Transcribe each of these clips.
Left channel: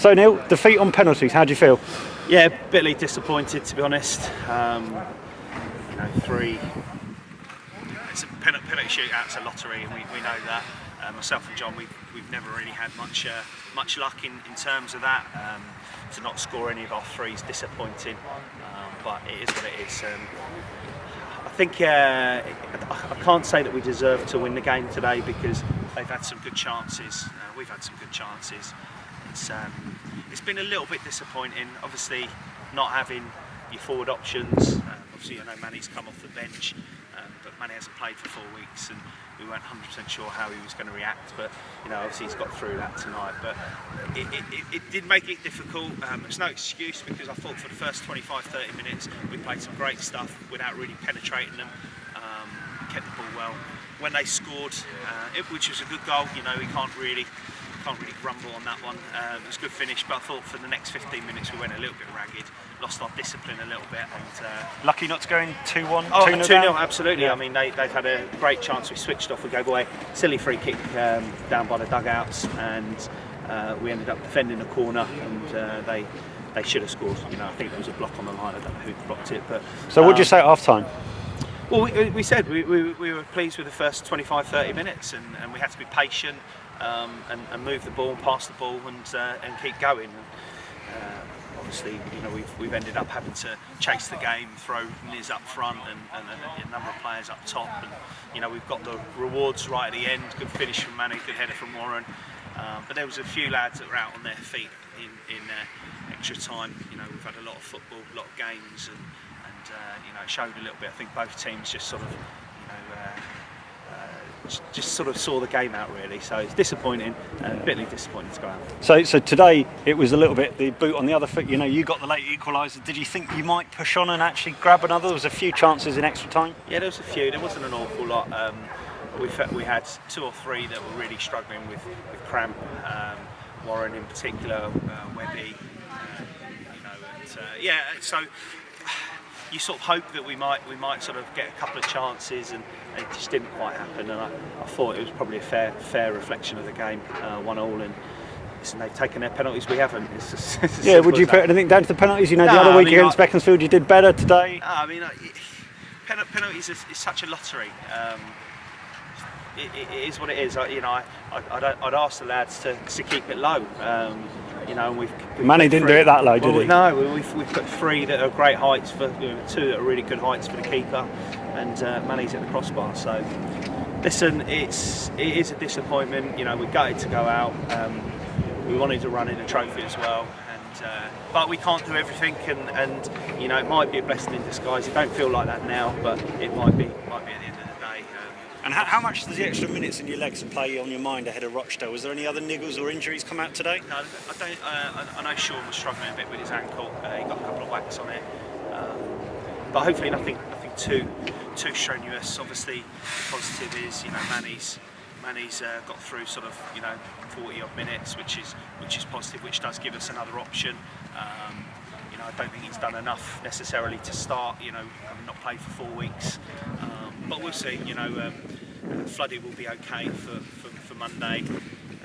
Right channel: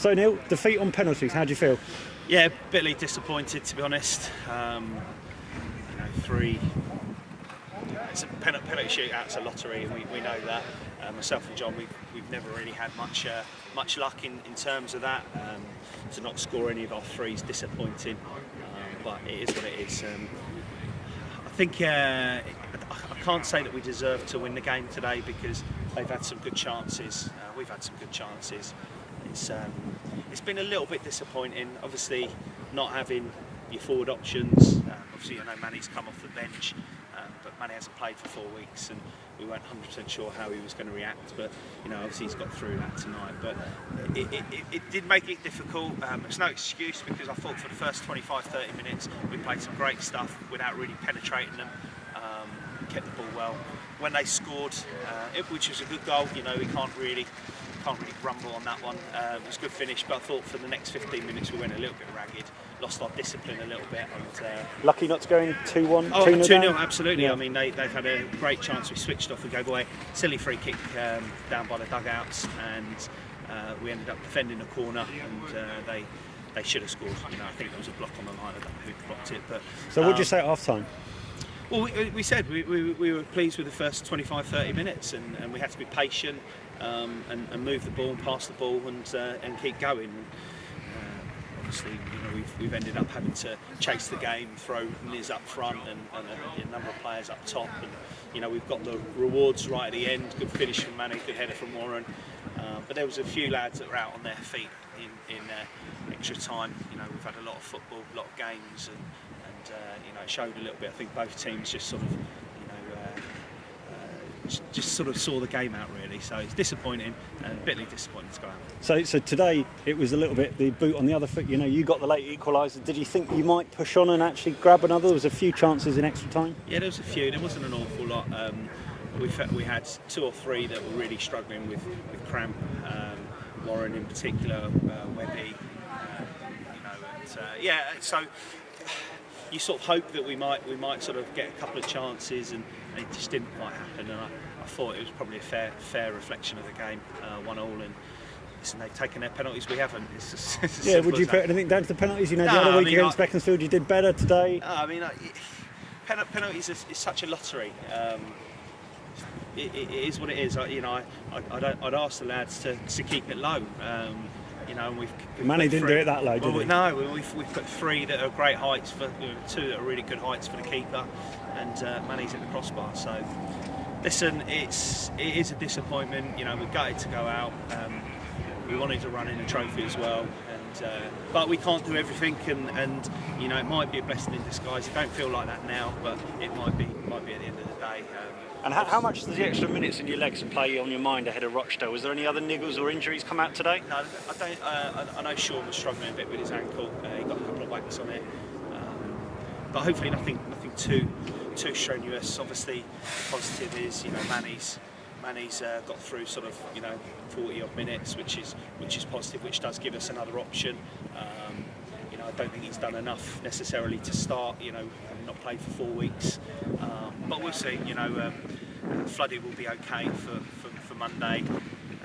So Neil, defeat on penalties, how do you feel? Yeah, bitterly disappointed, to be honest. Three. It's a penalty shootout's a lottery, and we know that. Myself and John, we've never really had much luck in terms of that. To not score any of our threes, disappointing. But it is what it is. I think I can't say that we deserve to win the game today because they've had some good chances. We've had some good chances. It's been a little bit disappointing. Obviously, not having your forward options. Obviously, I know Manny's come off the bench, but Manny hasn't played for 4 weeks, and we weren't 100% sure how he was going to react. But obviously he's got through that tonight. But it did make it difficult. It's no excuse because I thought for the first 25-30 minutes we played some great stuff without really penetrating them. Kept the ball well. When they scored, which was a good goal, we can't really grumble on that one. It was a good finish, but I thought for the next 15 minutes we went a little bit ragged, lost our discipline a little bit. And lucky not to go in 2-1. Oh, 2-0, 2-0, absolutely. Yeah. I mean, they've had a great chance. We switched off. We gave away silly free kick down by the dugouts, and we ended up defending a corner, and they should have scored. I think there was a block on the line. I don't know who blocked it, but. So what did you say at half time? Well, we said we were pleased with the first 25-30 minutes, and we had to be patient and move the ball and pass the ball and keep going. And, obviously, we've ended up having to chase the game, throw Niz up front and a number of players up top, and we've got the rewards right at the end. Good finish from Manny, good header from Warren. But there was a few lads that were out on their feet in extra time. We've had a lot of football, a lot of games, and it showed a little bit. I think both teams just sort of, just sort of saw the game out really. So it's disappointing and bitterly disappointing to go out. So today it was a little bit the boot on the other foot. You got the late equaliser. Did you think you might push on and actually grab another? There was a few chances in extra time. Yeah, there was a few. There wasn't an awful lot. We had 2 or 3 that were really struggling with cramp. Warren in particular, Webby. So. You sort of hope that we might sort of get a couple of chances, and it just didn't quite happen. And I thought it was probably a fair reflection of the game, 1-1. And listen, they've taken their penalties, we haven't. It's just yeah. Would you put anything down to the penalties? The other week against Beaconsfield, you did better today. Penalties is such a lottery. It is what it is. I'd ask the lads to keep it low. We've Manny didn't do it that low, did he? No, we've put 3 that are great heights for 2 that are really good heights for the keeper, and Manny's at the crossbar. So, listen, it is a disappointment. We're gutted to go out. We wanted to run in a trophy as well, but we can't do everything, and it might be a blessing in disguise. It don't feel like that now, but it might be at the end of the day. And how much does the extra minutes in your legs play on your mind ahead of Rochdale? Was there any other niggles or injuries come out today? No, I don't. I know Sean was struggling a bit with his ankle. He got a couple of whacks on it, but hopefully nothing too strenuous. Obviously, the positive is Manny's got through sort of 40 odd minutes, which is positive, which does give us another option. I don't think he's done enough necessarily to start. Having not played for 4 weeks, but we'll see. Floody will be okay for Monday,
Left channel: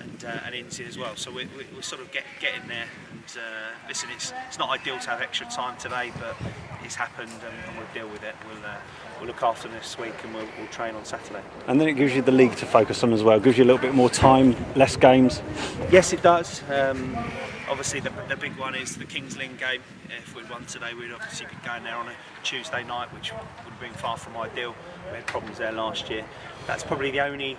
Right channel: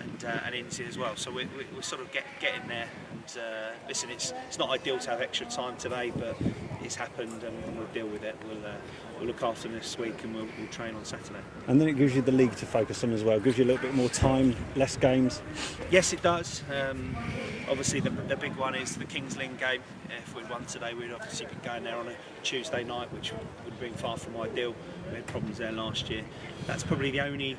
and Inzi as well. So we're sort of getting there. And listen, it's not ideal to have extra time today, but it's happened, and we'll deal with it. We'll look after this week, and we'll train on Saturday. And then it gives you the league to focus on as well. It gives you a little bit more time, less games. Yes, it does. Obviously, the big one is the Kings Lynn game. If we'd won today, we'd obviously be going there on a Tuesday night, which would have been far from ideal. We had problems there last year. That's probably the only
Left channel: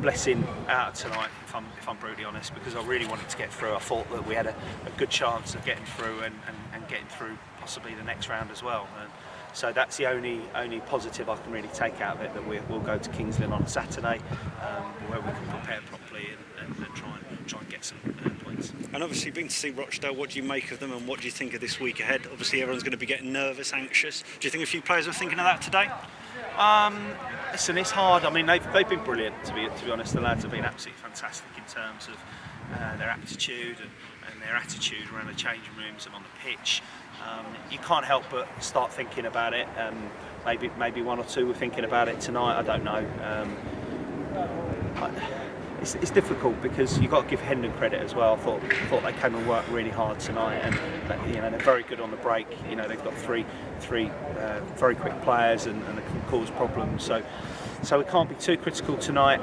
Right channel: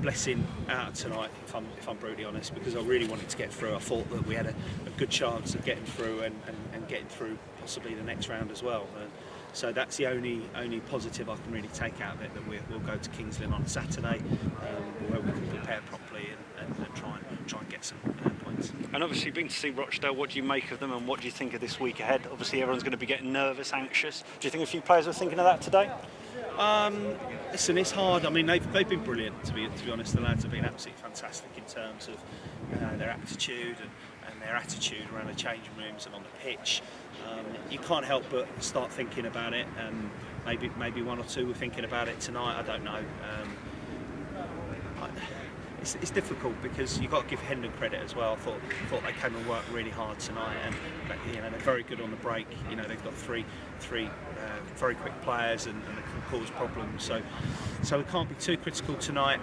blessing out of tonight, if I'm brutally honest, because I really wanted to get through. I thought that we had a good chance of getting through and getting through possibly the next round as well. So that's the only positive I can really take out of it, that we'll go to Kings Lynn on a Saturday, where we can prepare properly and try and get some points. And obviously, being to see Rochdale, what do you make of them, and what do you think of this week ahead? Obviously, everyone's going to be getting nervous, anxious. Do you think a few players are thinking of that today? Listen, it's hard. I mean, they've been brilliant, to be honest. The lads have been absolutely fantastic in terms of their aptitude and their attitude around the changing rooms and on the pitch. You can't help but start thinking about it. Maybe 1 or 2 were thinking about it tonight. I don't know. it's difficult because you've got to give Hendon credit as well. I thought they came and worked really hard tonight, and they're very good on the break. They've got three very quick players, and they can cause problems. So we can't be too critical tonight.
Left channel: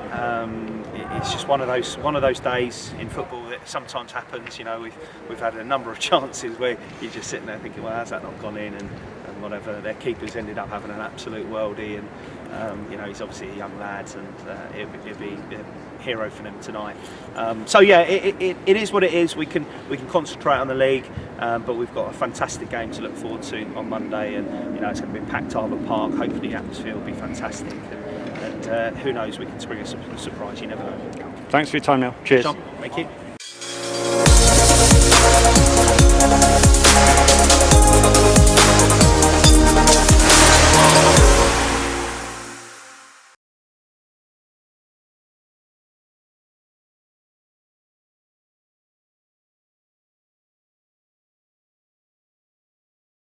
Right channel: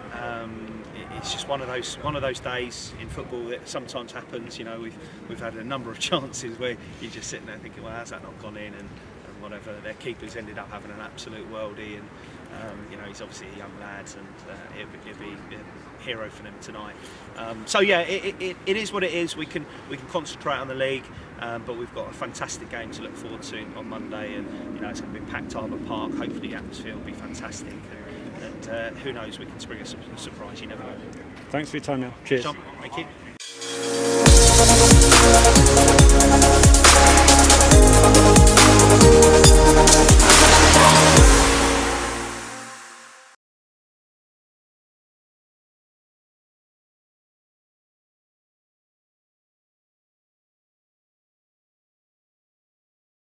It's just one of those days in football that sometimes happens. We've had a number of chances where you're just sitting there thinking, well, how's that not gone in, and whatever. Their keeper's ended up having an absolute worldie, and he's obviously a young lad, and he'll be a hero for them tonight. It is what it is. We can concentrate on the league, but we've got a fantastic game to look forward to on Monday, and it's going to be a packed Arbor Park. Hopefully the atmosphere will be fantastic, and who knows, we can spring a surprise. You never know. Thanks for your time, Neil. Cheers. John, thank you.